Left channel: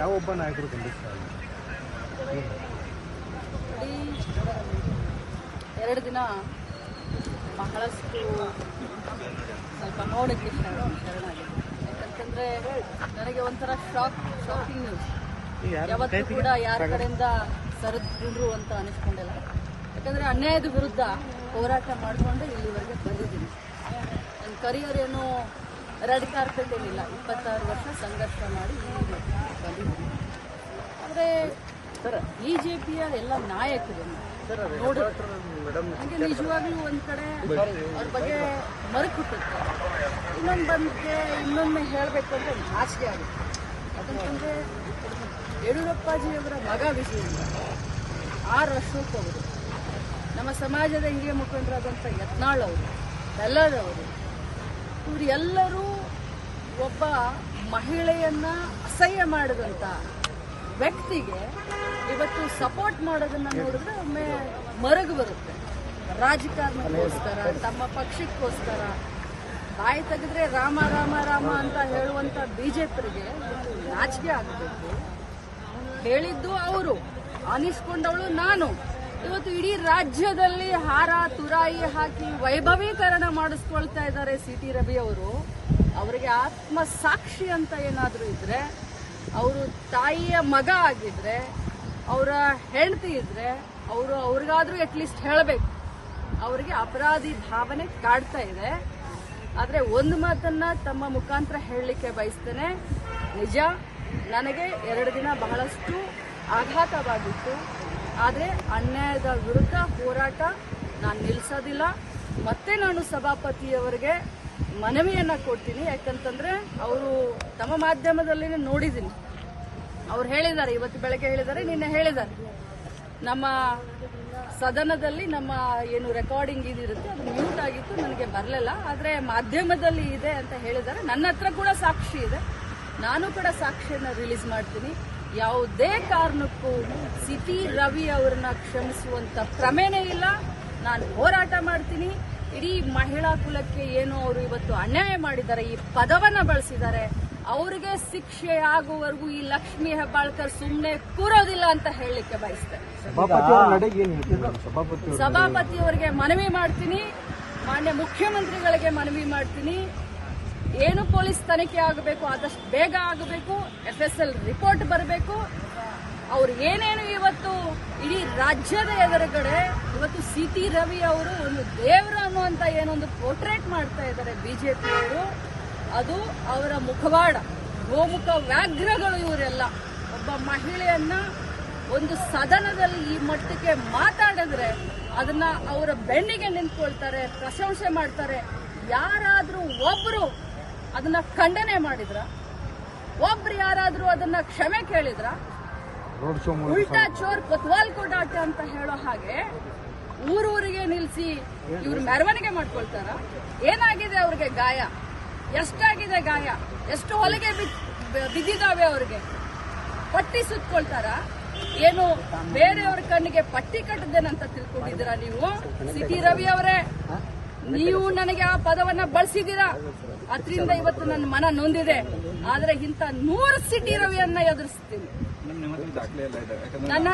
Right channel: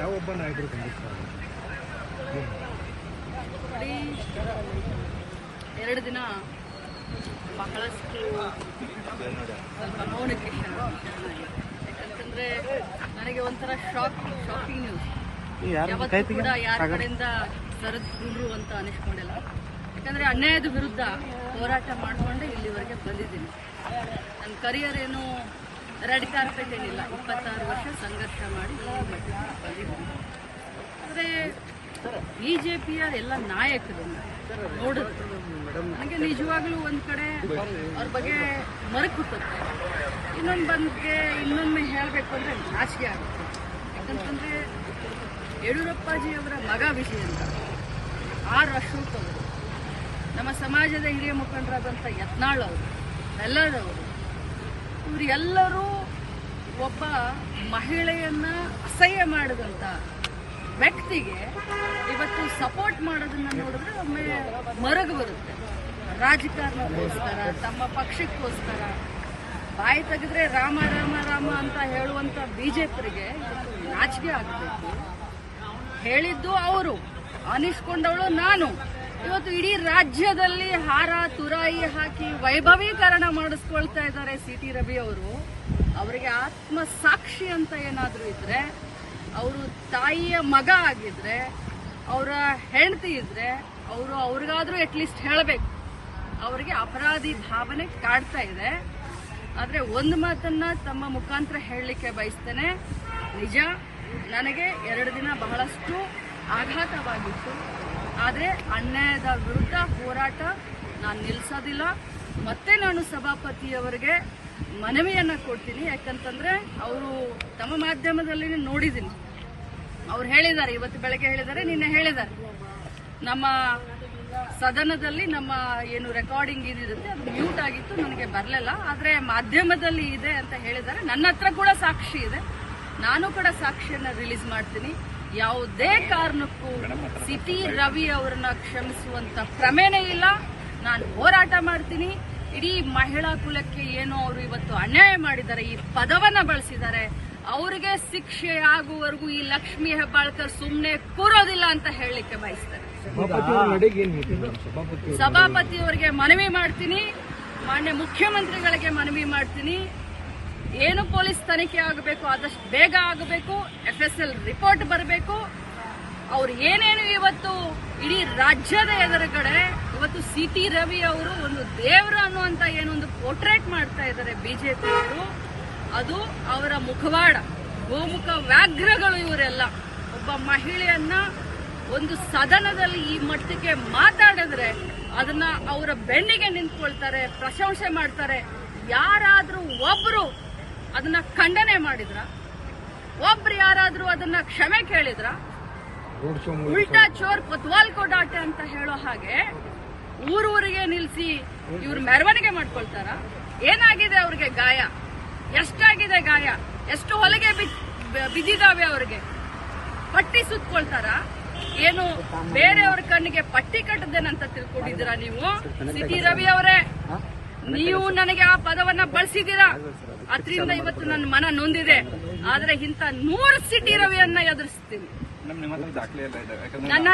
ಯಾವೊಬ್ಬ ನಾಯಕರು ಖಂಡಿಸ್ತಾರೆ? ನೋಡಿ, 2 ದಿನ ಬಹಳಷ್ಟು ಸ್ವಲ್ಪ ನೋಡಕ್ಕೆ ಶರಣಾಗಿದೆ. ಯಾಕಂತಂದ್ರೆ ನನಗೆ ಒಂಥರ ಶಾಕಿಂಗ್ ನ್ಯೂಸ್. ಯಾವತ್ತೂ ಕೂಡ ಯಾರ ಕಡೆಯಿಂದ ಸರಿದ್ರು ಅಂತ ಅನಿಸ್ಕೊಂಡಿಲ್ಲ. ಯಾಕಂದ್ರೆ ಅನ್ಯಾಯದ ವಿರುದ್ಧ ಹೋರಾಟ ಮಾಡಿಕೊಂಡೆ ಇಲ್ಲಿವರೆಗೆ ಬಂದಿದ್ದೀನಿ. ನನ್ನ ಕರಿಯರ್ ಏನು ರೆಡ್ ಕಾರ್ಪೆಟ್ ಏನಿಲ್ಲ. 26 ವರ್ಷ ಸಂಘರ್ಷ ಮಾಡಿ ಈ ಮಟ್ಟಕ್ಕೆ ಬಂದಿದ್ದೀನಿ. ಆದರೆ ಬಿಜೆಪಿಯ ಎಲ್ಲ ನಾಯಕರನ್ನ ನೋಡಿದ್ರೆ ನನಗೆ ನಿಜವಾಗ್ಲೂ ಒಂದ್ ಕಡೆ ಅವ್ರ ಬಗ್ಗೆ ಮರಕ್ ಹುಟ್ಟುತ್ತೆ. ಇನ್ನೊಮ್ಮೆ ಹೇಳಬೇಕು ಅಂದ್ರೆ ನಾಚಿಕೆ ಆಗುತ್ತೆ. ಯಾಕಂತಂದ್ರೆ ಯಡಿಯೂರಪ್ಪಾಜಿಯವರ ಮಗ ವಿಜಯ್ ಅಂತ, ಆರ್ ಅಶೋಕ್ ಅವರು, ನಮ್ಮ ಸಮಾಜದ ಹಿರಿಯ ಮುಖಂಡರಾದಂಥ ಯತ್ನಾಳ್ ಅವರು, ಬೆಲ್ಲದವರು, ಇವರು ಎಲ್ಲರೂ ಒಬ್ಬ ಮಹಿಳೆಯನ್ನ ಅಸಹ್ಯ ಮಾಡಿದಂತ ವ್ಯಕ್ತಿಗೆ ಇವತ್ತು ಸಪೋರ್ಟ್ ಮಾಡೋದನ್ನ ನೋಡಿದ್ರೆ ಒಮ್ಮೆ ಮರಗು ಬರುತ್ತೆ. ರಾಜಕಾರಣಕ್ಕೋಸ್ಕರ, ತಮ್ಮ ಪಕ್ಷಕ್ಕೋಸ್ಕರ ಬಾಯಿ ತೆಗೆದ್ರೆ ರಾಮ ರಾಮ ರಾಮ ಅಂತ ಹೇಳುವಂತ ಬಿಜೆಪಿಗೆ ನಾಚಿಕೆ ಆಗಬೇಕು. ಹೇಳಿದ್ದು ಅವರು, ಅನಿಸ್ಕೊಂಡವಳು ನಾನು. ಇವತ್ತು ಇಡೀ ರಾಜ್ಯದಲ್ಲಿ ಹಾರ ತುರಾಯಿ ಹಾಕಿ ವೈಭವೀಕರಣ ಮಾಡಿಸ್ಕೊಳ್ತಾ ಇದ್ದಾರೆ ಸಿ.ಟಿ. ರವಿ ಅವರು. ಅವರಿಗೆ ಆತ್ಮ ಸಾಕ್ಷಿ ಅಂತ ಏನಾದರೂ ಇದ್ರೆ, ಅವರು ತಾಯಿಯ ಮಗ ಆಗಿದ್ರೆ, ಅವರ ಹೆಂಡತಿ ಇದ್ರೆ, ಅವ್ರಿಗಾದ್ರೂ ಅಟ್ಲೀಸ್ಟ್ ಹೇಳಬೇಕು. ಅವರಿಗೆ ಅಪರಾಧಿ ಭಾವನೆ ಕಾಡ್ತಾ ಇದೆ. ಆದರೆ ಒಂದು ಮಾತನ್ನ ತಮ್ಮ ಮುಖಾಂತರ ಹೇಳಲಿಕ್ಕೆ ಬಯಸ್ತೇನೆ. ನಿಜ, ನನಗೆ 2 ದಿನ ಬಹಳಷ್ಟು ಆಘಾತವಾಗಿತ್ತು. ಆದರೆ ಅನ್ಯಾಯದ ವಿರುದ್ಧ ಹೋರಾಟ ನಾನು ನಿಲ್ಲಿಸೋದಿಲ್ಲ. ಮತ್ತೆ ನಾನು ಸಭಾಪತಿಯವರಿಗೆ ಮನವಿಯನ್ನ ಕೊಡ್ತೀನಿ. ಯಾಕಂತಂದ್ರೆ ಅವರು ತಮ್ಮ ಮಾಧ್ಯಮದಲ್ಲಿ ನೋಡಿದ್ದೀನಿ, ಅವ್ರು ಹೇಳಿದ್ದಾರೆ, ಇವತ್ತು ಬೆಳಗ್ಗೆ ಹೇಳಿದ್ದಾರೆ, ನಿನ್ನೆ ಹೇಳಿದ್ದಾರೆ, ನಮ್ಮ ಸದನದಲ್ಲಿ ನಮ್ಮ ಏನು ರೆಕಾರ್ಡಿಂಗ್ ಇದಿರುತ್ತೆ ಅದು ಮ್ಯೂಟ್ ಆಗಿತ್ತು, ನನಗೆ ಬರಲಿಲ್ಲ, ಆದರೆ ಮಾಧ್ಯಮದಲ್ಲಿ ಇದೆ ಅಂತ ಹೇಳಿದ್ದಾರೆ. ನನ್ನ ಹತ್ರ ಕೂಡ ಸಾಕ್ಷಿ ಇದೆ. ನಾನು ಕೂಡ ಸಾಕ್ಷಿಯನ್ನ ರಿಲೀಸ್ ಮಾಡ್ತೀನಿ. ಯಾವುದೇ ಕಾರಣಕ್ಕೂ ಸಿ.ಟಿ. ರವಿ ಅವರನ್ನ ಕ್ಷಮಿಸುವಂತ ಕ್ರಮೇನೇ ಇಲ್ಲ. ನಾನು ಹೋರಾಟ ಮಾಡ್ತೀನಿ. ಇಡೀ ಮಹಿಳಾ ಕುಲಕ್ಕೆ ಏನು ಅವರು ಇವತ್ತು ಅನ್ಯಾಯ ಮಾಡಿದ್ದಾರೆ, ಈ ಪದವನ್ನ ಬಳಸಿದ್ದಾರೆ, ಅವರಿಗೆ ಶಿಕ್ಷೆ ಆಗುವವರೆಗೂ ಈ ಲಕ್ಷ್ಮೀ ಹೆಬ್ಬಾಳ್ಕರ್ ಸುಮ್ಮನೆ ಕೂರೋದಿಲ್ಲ ಅಂತ ಹೇಳಲಿಕ್ಕೆ ಬಯಸ್ತಾರೆ. ಸಭಾಪತಿಯವರಿಗೆ ಮನವಿ ಮಾಡ್ತೀನಿ, ಮಾನ್ಯ ಮುಖ್ಯಮಂತ್ರಿಗಳಿಗೆ ಮನವಿ ಮಾಡ್ತೀನಿ. ಏನು ಪೊಲೀಸ್ ತನಿಖೆ ಆಗಬೇಕು ಆದಷ್ಟು ಬೇಗ ಆಗಬೇಕು. FSL ರಿಪೋರ್ಟ್ ಬರಬೇಕು. ಅವ್ರು ಏನೇನು ಇವತ್ತು ಇಡೀ ರಾಜ್ಯದ ಎದುರುಗಡೆ ಇವತ್ತು ಸಿ.ಟಿ. ರವಿ ಅವರು ಒಂದು ದೇವರು ಅನ್ನುವಂತ ಏನೊಂದು ಪೋರ್ಟ್ರೇಟ್ ಮಾಡ್ತಾ ಇದ್ದಾರೆ ಬಿಜೆಪಿಯವರು, ಅದು ಅವರ ಮುಖವಾಡ, ಗೋಮುಖ ವ್ಯಾಘ್ರಗಳು ಇವರೆಲ್ಲ. ಒಬ್ಬ ಮಹಿಳೆಯನ್ನ ಒಂದು ಸದನದಲ್ಲಿ ಈ ಮಟ್ಟಕ್ಕೆ ಮಾತಾಡಿದ್ರೆ ಅದನ್ನ ಅವರ ಬೆನ್ನಿಗೆ ನಿಂತ್ಕೊಳ್ತಾರೆ, ಪ್ರಶಂಸೆ ಮಾಡ್ತಾರೆ. ಯಾರಾದ್ರೂ ಒಬ್ರು ಅದನ್ನ ಖಂಡನೆ ಮಾಡಿದ್ರ? ಒಬ್ರು ಯಾರಾದ್ರೂ ಅದನ್ನ ಕ್ಷಮೆ ಕೇಳಿದ್ರ? ಉಲ್ಟಾ ಚೋರ್ ಕೊತ್ವಾಲ್ ಕೋ ಡಾಟೆ ಅಂತ ಹೇಳೋ ಹಾಗೆ ಊರೂರಿಗೆ ನಿಲ್ಸಿ ಇವ್ರು ಮೆರವಣಿಗೆ ಮಾಡ್ಕೊಳ್ತಾರ? ಏನಾಗಿದೆ ಅವ್ರಿಗೆ ಗಾಯ? ಎಷ್ಟಾಗಿದೆ ಗಾಯ? ಎಷ್ಟು ಹೊಲಿಗೆ ಬಿದ್ದಿದಾವೆ ಅವ್ರಿಗೆ? ಪಟ್ಟಿ ಸುತ್ಕೊಳ್ತಾರ? ಏನು ಬೇರೆಯವ್ರ ಕಣ್ಣಿಗೆ ಪಟ್ಟಿ ಕಟ್ಟದೇನಂತ ತಿಳ್ಕೊಂಡಿದ್ದೀರಾ ನೀವು? ಸಿ.ಟಿ. ರವಿ ಅವರೇ, ನೀವು ನನಗೆ ಆ ಪದವನ್ನ ಬಳಸಿದ್ದೀರಾ, ಅದರಿಂದ ಇವತ್ತು ನನ್ನ ಮನ ನೊಂದಿದೆ. ಆದ್ರೆ ಇಂಥ 100 ಸಿ.ಟಿ. ರವಿಯನ್ನ ಎದುರಿಸ್ತೀನಿ. ನನ್ನ